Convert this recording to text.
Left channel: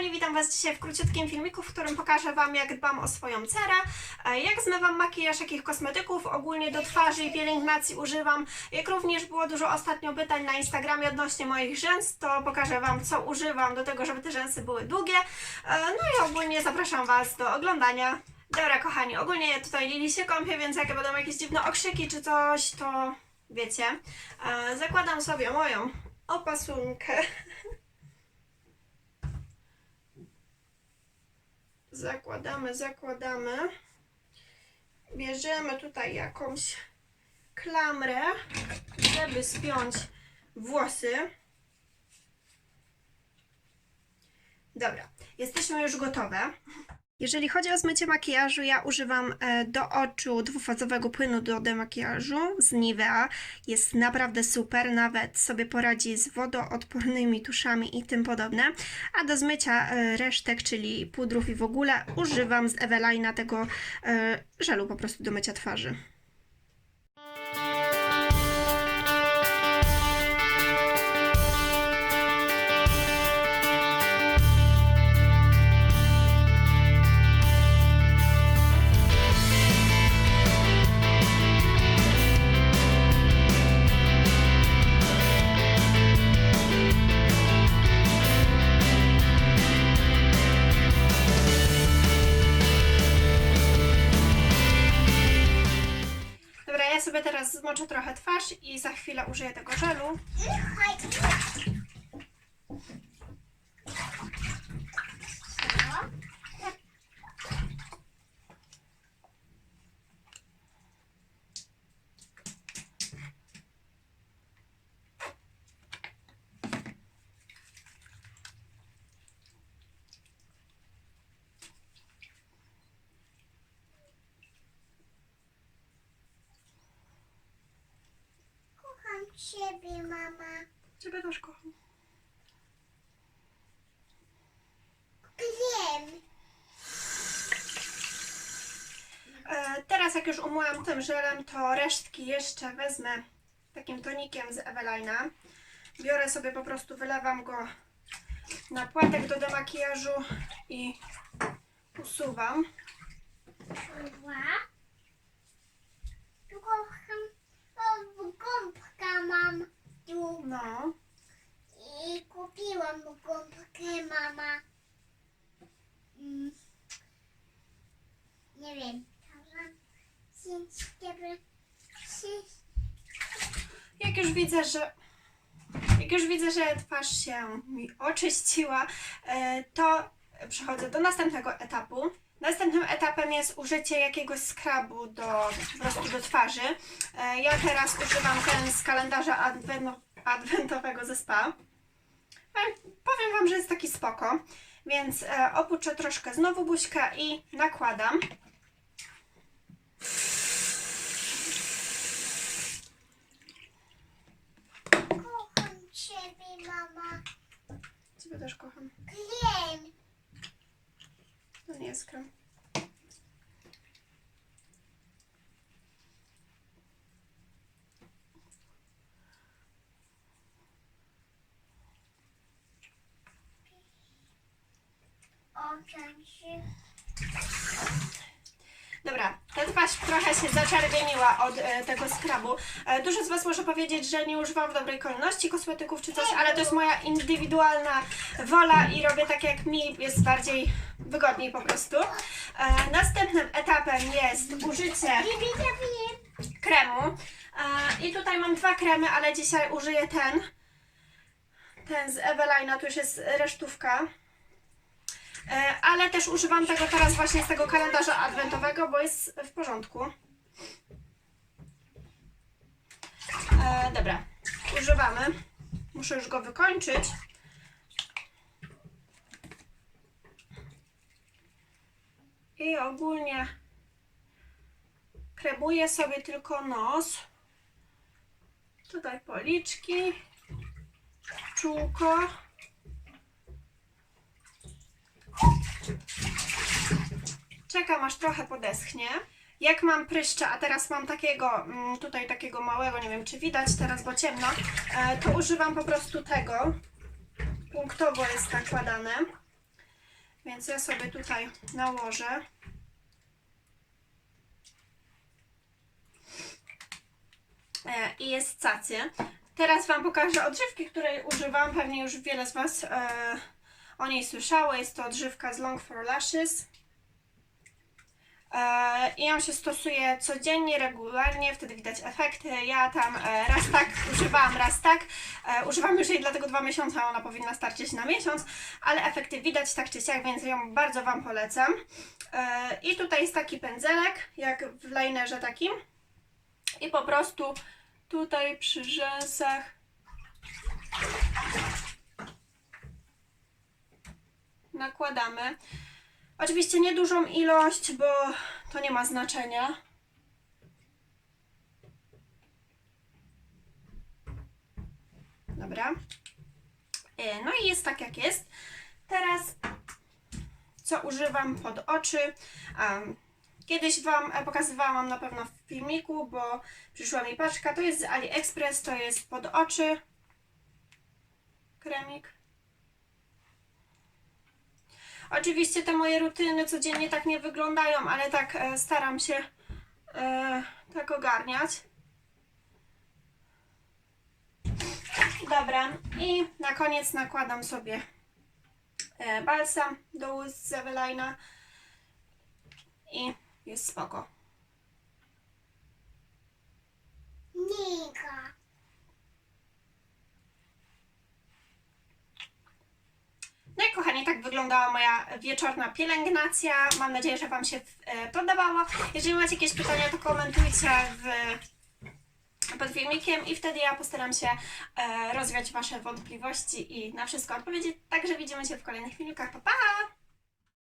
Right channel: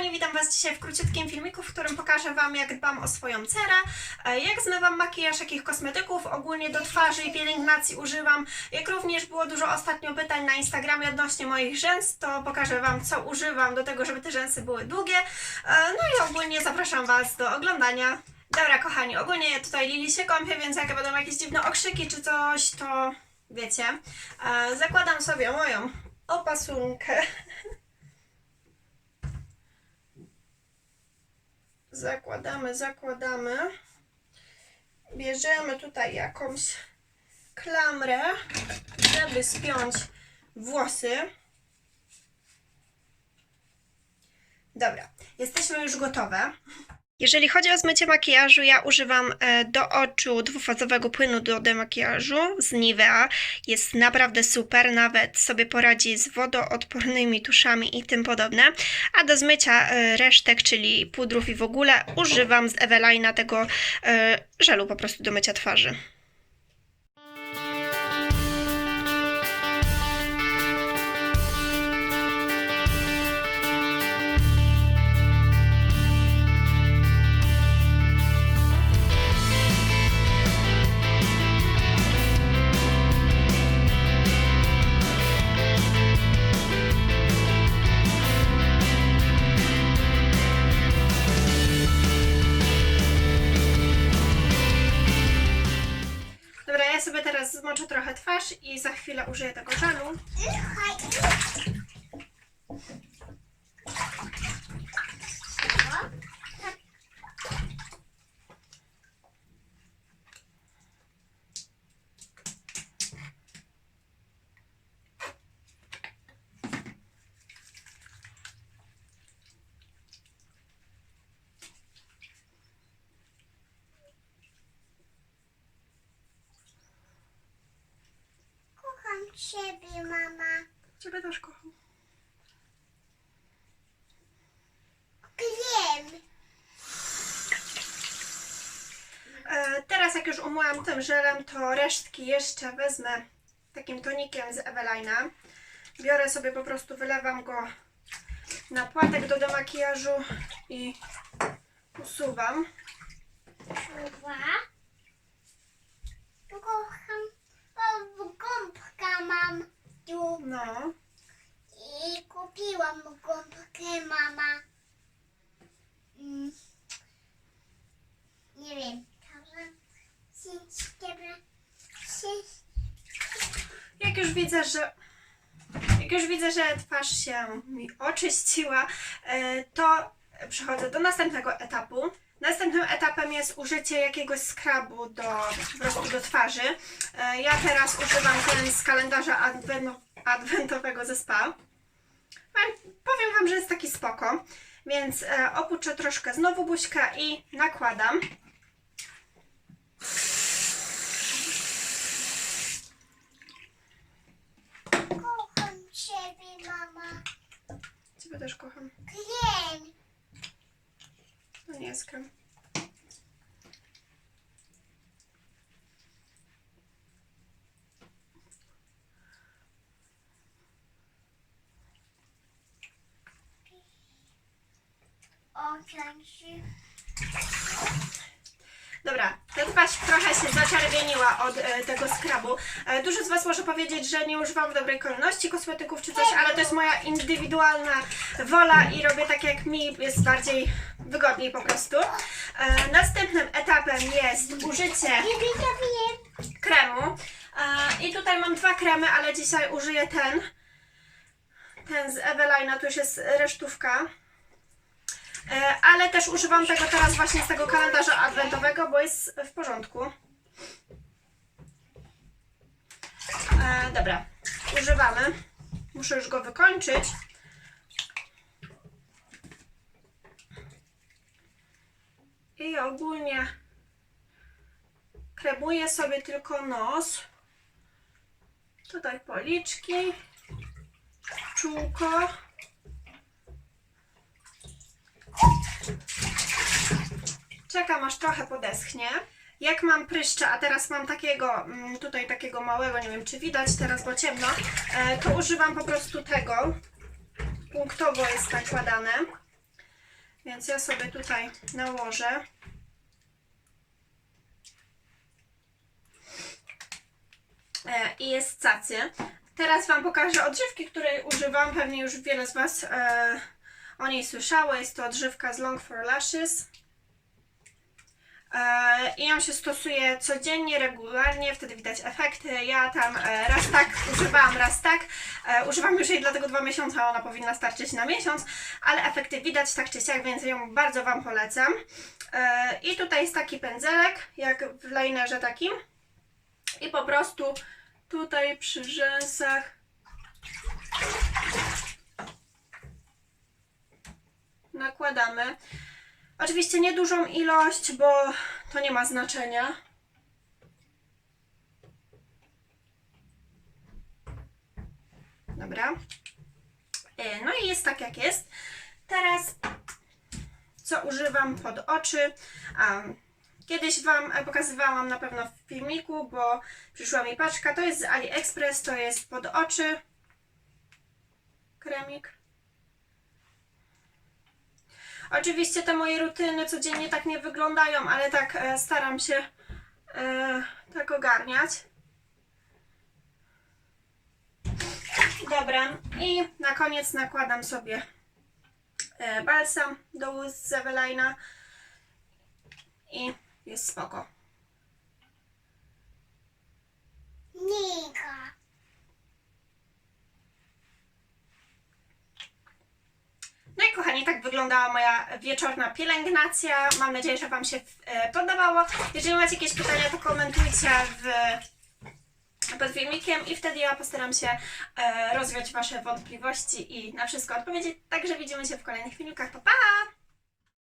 kochani, witam Was dzisiaj w króciutkim filmiku, w którym pokażę Wam, jak dbam o swoją cerę, e, jak zmywam makijaż, jakich kosmetyków ogólnie do twarzy i pielęgnacji używam. Jak również było dużo ostatnio pytań na Instagramie odnośnie moich rzęs, to pokażę Wam, co używam do tego, żeby te rzęsy były długie. E, No i ogólnie zapraszam Was do oglądania. Dobra, kochani, ogólnie tutaj Lili się kąpie, więc jak będą jakieś dziwne okrzyki czy coś, to wiecie. E, Zakładam sobie moją opasunkę. Zakładamy, zakładamy. Bierzemy tutaj jakąś klamrę, żeby spiąć włosy. Dobra, jesteśmy już gotowe. Jeżeli chodzi o zmycie makijażu, ja używam e, do oczu dwufazowego płynu do demakijażu z Nivea. Jest naprawdę super, nawet sobie poradzi z wodoodpornymi tuszami i tym podobne. A do zmycia e, resztek, czyli pudrów i w ogóle, używam z Evelina tego e, żelu po prostu do mycia twarzy. Zmoczę trochę twarz i za chwilę użyję tego żelu. Ciebie, mama. Ciebie też kocham. Wiem. E, teraz jak już umyłam tym żelem, to resztki jeszcze wezmę takim tonikiem z Evelina. Biorę sobie po prostu, wylewam go na płatek do demakijażu i usuwam. Czuwa. Kocham. O, gąbka mam tu. No, I kupiłam gąbkę, mama. Mm. Nie wiem. Dobra. Jak już widzę, że jak już widzę, że twarz się mi oczyściła, e, to przechodzę do następnego etapu. Następnym etapem jest użycie jakiegoś skrabu do, do twarzy. E, Ja teraz używam ten z kalendarza adwen- adwentowego ze spa. E, Powiem Wam, że jest taki spoko. Więc e, opuczczę troszkę znowu buźka i nakładam. Kocham ciebie, mama. Ciebie też kocham. Wiem. To nie jest krem. Dobra, ta twarz trochę się zaczerwieniła od e, tego skrabu. E, dużo z Was może powiedzieć, że nie używam w dobrej kolejności kosmetyków czy coś, ale to jest moja indywidualna wola i robię tak, jak mi jest bardziej wygodniej po prostu. E, następnym etapem jest użycie kremu. E, I tutaj mam dwa kremy, ale dzisiaj użyję ten. Ten z Evelina, tu już jest resztówka. E, Ale też używam tego teraz właśnie z tego kalendarza adwentowego, bo jest w porządku. E, dobra, używamy. Muszę już go wykończyć. I ogólnie kremuję sobie tylko nos. Tutaj policzki, czółko. Czekam aż trochę podeschnie. Jak mam pryszcze, a teraz mam takiego, mm, tutaj takiego małego, nie wiem czy widać teraz, bo ciemno, e, to używam po prostu tego. Punktowo jest nakładane. Więc ja sobie tutaj nałożę. E, I jest cacy. Teraz Wam pokażę odżywki, której używam. Pewnie już wiele z Was e, o niej słyszało. Jest to odżywka z Long for Lashes. E, I ją się stosuje codziennie, regularnie, wtedy widać efekty. Ja tam e, raz tak używałam, raz tak. E, używam już jej dlatego dwa miesiące, a ona powinna starczyć na miesiąc, ale efekty widać tak czy siak, więc ją bardzo Wam polecam. I tutaj jest taki pędzelek, jak w linerze takim. I po prostu tutaj przy rzęsach nakładamy. Oczywiście niedużą ilość, bo to nie ma znaczenia. Dobra. E, No i jest tak jak jest. Teraz co używam pod oczy. Kiedyś Wam e, pokazywałam na pewno w filmiku, bo przyszła mi paczka. To jest z AliExpress, to jest pod oczy. Kremik. Oczywiście te moje rutyny codziennie tak nie wyglądają, ale tak e, staram się e, tak ogarniać. Dobra, i na koniec nakładam sobie e, balsam do ust z Evelina i jest spoko. Nika. No i kochani, tak wyglądała moja wieczorna pielęgnacja. Mam nadzieję, że Wam się e, podobało. Jeżeli macie jakieś pytania, to komentujcie w, pod filmikiem i wtedy ja postaram się e, rozwiać Wasze wątpliwości i na wszystko odpowiedzieć. Także widzimy się w kolejnych filmikach. Pa, pa!